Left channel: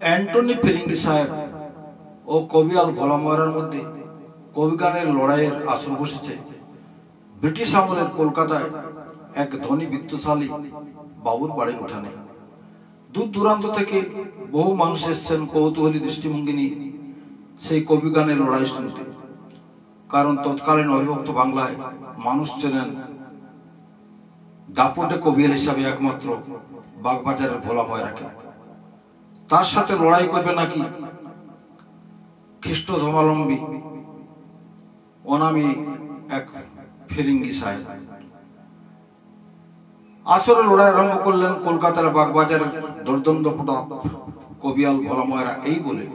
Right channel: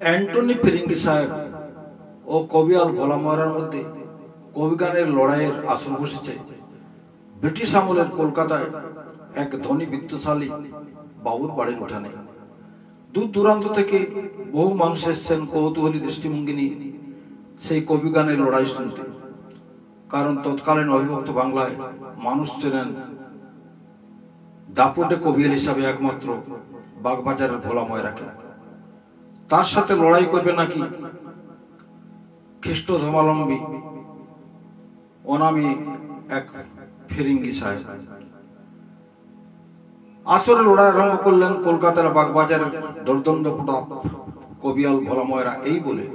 Antony ফিরিঙ্গি সাহেব ও কবিয়াল ভোলা ময়রার মধ্যে কবিগানের লড়াইয়ের আসর বসেছে ব্রিটিশ আমলের কলকাতায় এক ধনী বিত্তশালী বাবুর বাড়ির উঠানে। দূর দূরান্ত থেকে বহু মানুষ এসছেন কৌতূহলী দৃষ্টিভঙ্গি নিয়ে সেই কবিগানের লড়াই শুনতে। কারণ তৎকালীন অবিভক্ত বাংলায় মানুষ ছিলেন দাপটে কবিয়াল হিসাবে একমাত্র বাগবাজারের ভোলা ময়রাকে। তার সাথে লড়াই করবে নাকি খ্রিস্ট ধর্মাবলম্বী অনামী এক ফিরিঙ্গি সাহেব। আসরে লড়াই আরম্ভ করলেন কলকাতার বাগবাজারের দর্দণ্ড প্রতাপ কবিয়াল ভোলা ময়রা এই বলে,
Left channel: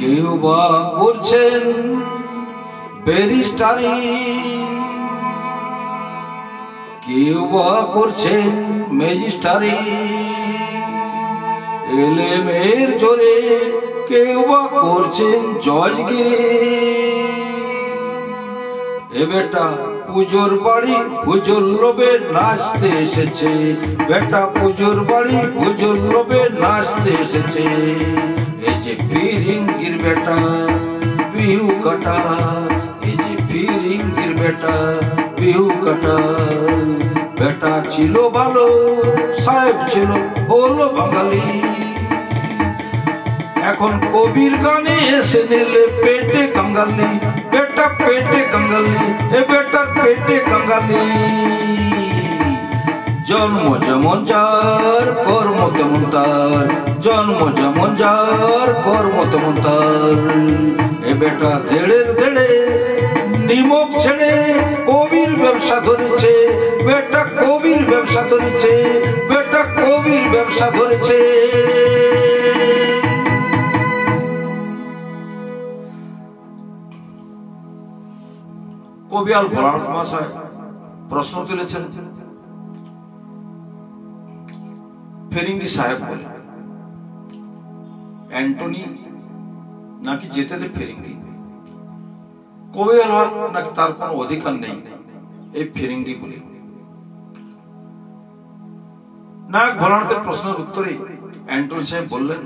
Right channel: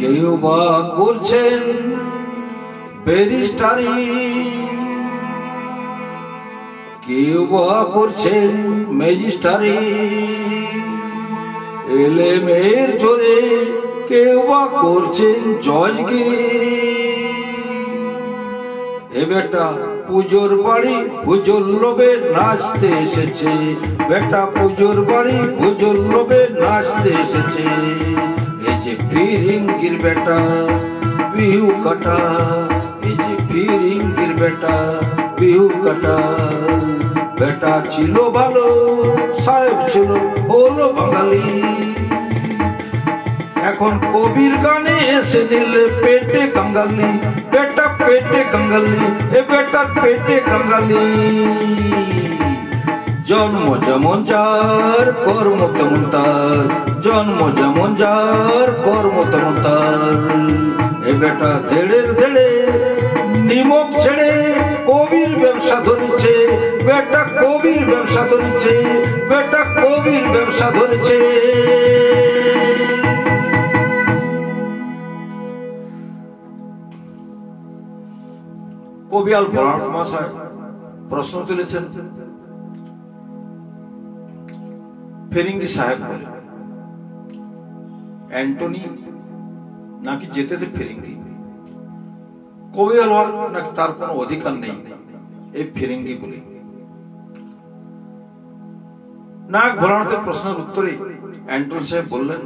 কেউ বা করছেন ব্যারিস্টারি, কেউ বা করছেন ম্যাজিস্ট্রারি, এলেমের জোরে কেউ বা করছেন জজগিরি। এ বেটা পুজোর বাড়ি পুজোর লোভে নাচতে এসেছে, বেটা পুজোর বাড়ি পুজোর লোভে নাচতে এসেছে। এই যে ফিরিঙ্গির বেটা বিহু কাটা, এই যে ফিরিঙ্গির বেটা বিহু কাটা। বেটা ছিল ভালো সাহেব ছিল হলো বাঙালি, এখন কবির গানে এসে নিলে পেটে কাঙ্গালি। বেটা পেটে কাঙ্গালি, এ বেটা পেটে কাঙ্গালি। জন্ম যেমন যার কর্ম তেমন তার, জন্ম যেমন যার কর্ম তেমন তার। এ বেটা ধেড়ে ধেড়ে নিমক ছেড়ে কবির ব্যবসা ধরেছে, বেটা কবির ব্যবসা ধরেছে, বেটা কবির ব্যবসা ধরেছে। কবিয়াল ভোলানাথ মহাশয় প্রশ্ন তুলেছেন ফিরিঙ্গি সাহেব বলে, অ্যান্টনি নাকি যেতে দে ফিরিঙ্গি, কবিয়াল হওয়ার নাকি তার কোনো অধিকার নেই এই ফিরিঙ্গি বলে। নায়ক ভোলানাথের প্রশ্নের উত্তরে অ্যান্টনি সাহেব বললেন,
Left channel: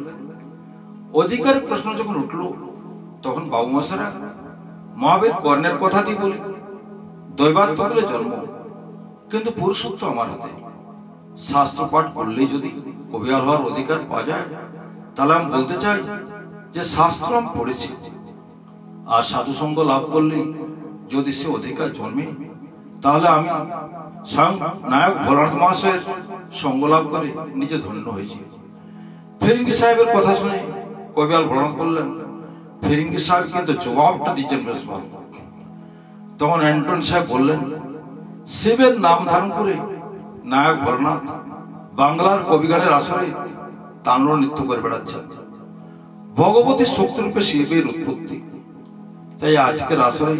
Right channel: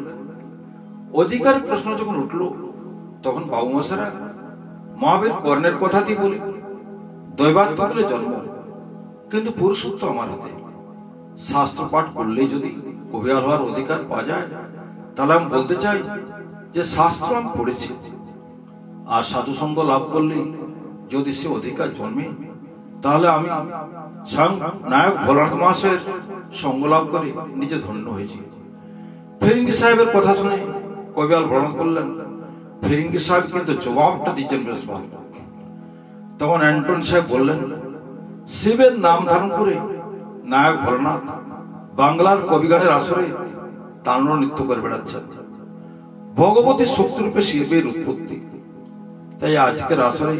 অধিকার প্রশ্ন যখন উঠলো তখন বাবু মশারা মহাবীর কর্ণের কথাতেই বলি, দৈবাত্য বলে জন্ম কিন্তু পুরুষত্ব আমার হাতে। শাস্ত্র পাঠ করলেই যদি কবিয়াল হওয়ার অধিকার পাওয়া যায়, তাহলে আমি বলতে চাই যে শাস্ত্র আমি পড়েছি, আর সাধু সঙ্গ লাভ করলে যদি সে অধিকার জন্মে, তাহলে আমি স্বয়ং নায়ক ভোলানাথ মহাশয়ের সঙ্গ লাভ করে নিজে ধন্য হয়েছি। ফিরিঙ্গি সাহেবের কথা শুনে কবিয়াল ভোলানাথ বললেন, ফিরিঙ্গি সাহেব কিন্তু জবাবটা দিচ্ছেন বেশ ভালো। তখন অ্যান্টনি সাহেব বললেন, শিবের নাম ধারণ করে নায়ক ভোলানাথ বাংলার কবিগানের আসরে তাণ্ডব নৃত্য করে বেড়াচ্ছেন। ভগবতী শক্তিরূপে শিবের উৎপত্তি। তাই আজকের আসরে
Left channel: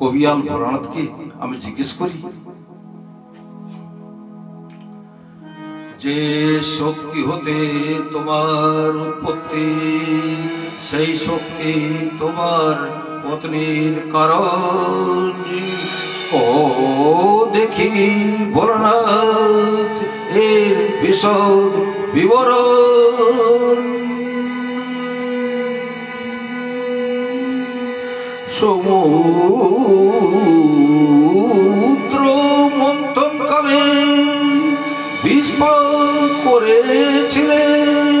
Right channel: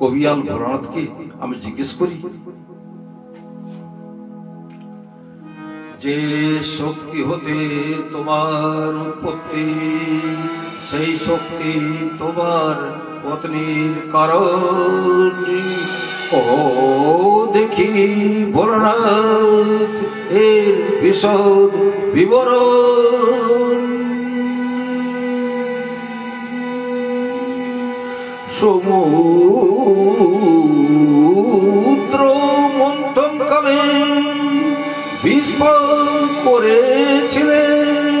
কবিয়াল ভোলানাথকে আমি জিজ্ঞেস করি, যে শক্তি হতে তোমার উৎপত্তি, সেই শক্তি তোমার পত্নীর কারণ ও দেখি ভোলানাথ এর বিশদ বিবরণ। সমুদ্র মন্থন কালে বিস্ফোরণ করেছিলেন,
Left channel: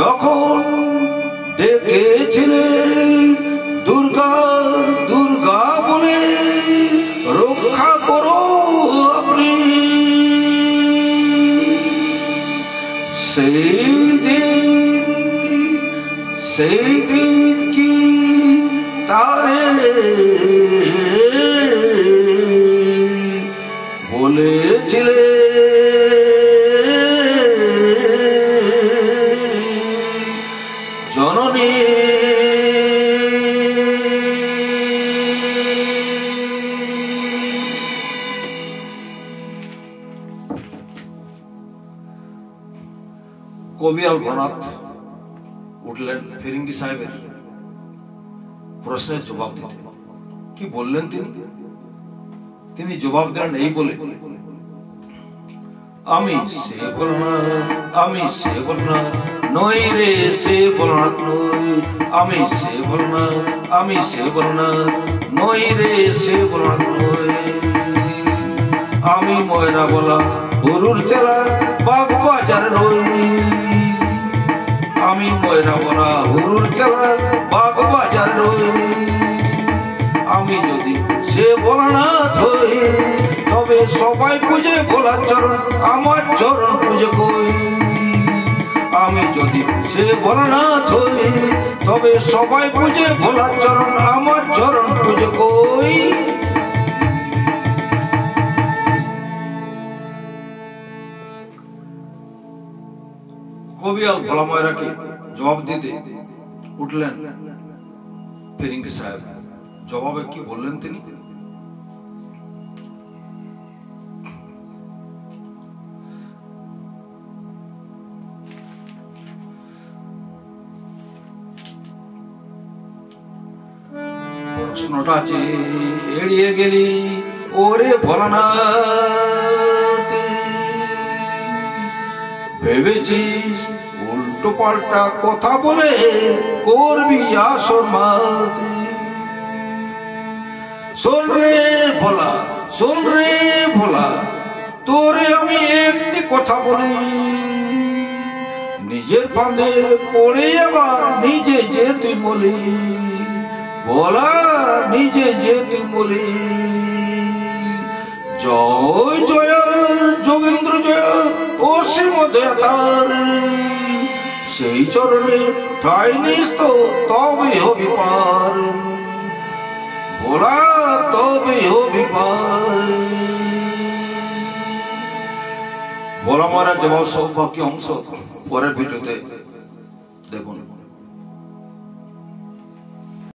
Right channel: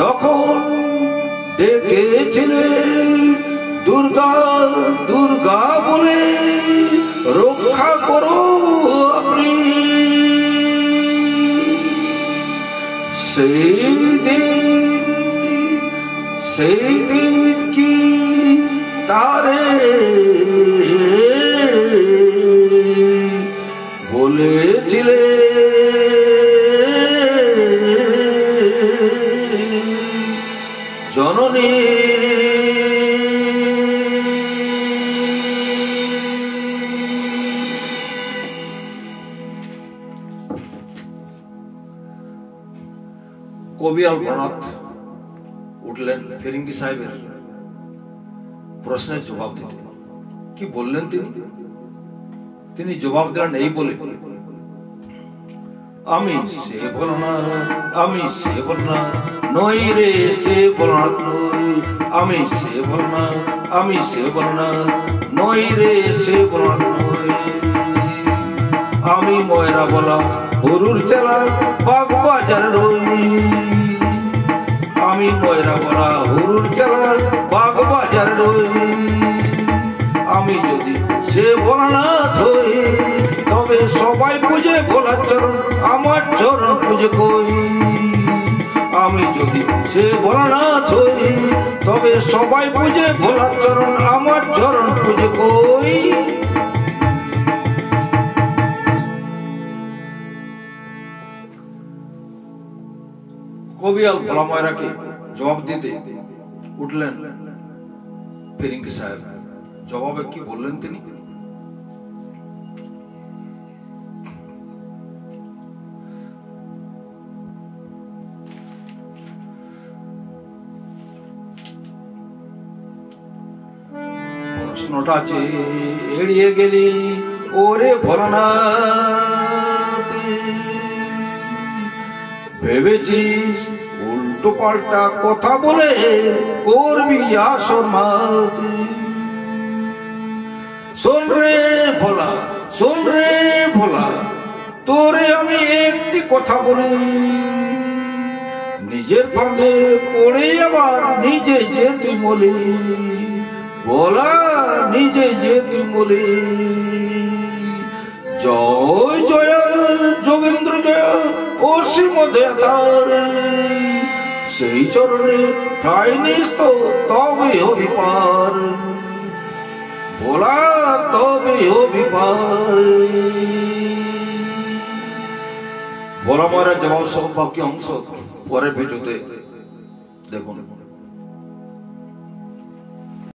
তখন ডেকেছিলেন দুর্গা দুর্গা বলে, রক্ষা করো আপনি। সেই দিন কি তারে বলেছিলে জননী। কবি আলপনাথ উঠলেন ফিরিঙ্গি সাহেবের প্রশ্নের জবাব দিতে। কি বললেন তিনি জবাব দিলেন এই বলে, আমি সে ভোলানাথ, আমি সে ভোলানাথ নই রে, সে ভোলানাথ নই, আমি সে ভোলানাথ, আমি সে ভোলানাথ নই রে, সে ভোলানাথ নই। আমি ময়রা বলা গরুর চেলা বাগবাজার নই, আমি ময়রা বলা গরুর চেলা বাগবাজার নই। আমি যদি সে ভোলানাথ হই, তবে সবাই পুজে ভোলার চরণ, আমার চরণ পুজো কই। আমি যদি সে ভোলানাথ হই, তবে সবাই পুজে ভোলার চরণ, আমার চরণ পুজো কই। কবি আল ভোলা ময়রাকে জবাব দিতে উঠলেন ফিরিঙ্গি সাহেব। জবাবে কি বললেন তিনি? প্রশ্নটা এড়িয়ে গেলি ওরে ভোলানাথ, ভেবেছিস উল্টো পাল্টা কথা বলে করবি আসর মাত। শোন রে ভোলা, শোন রে ভোলা, তোরে আমি একটি কথা বলি, নিজের ফাঁদে পড়ে আবার নিজে যে তুই বলি, ভোলা নিজে যে তুই বলি। জয় জয় যোগেন্দ্র জয় অসীম দেয়াতার, সেই চরণে ঠাই নিস তো তবে হবি পার, ভোলা তবে হবি পার। ভোলা ময়রা জবাব সৌভাগ্য অংশ পরের ভিডিওতে দেখুন।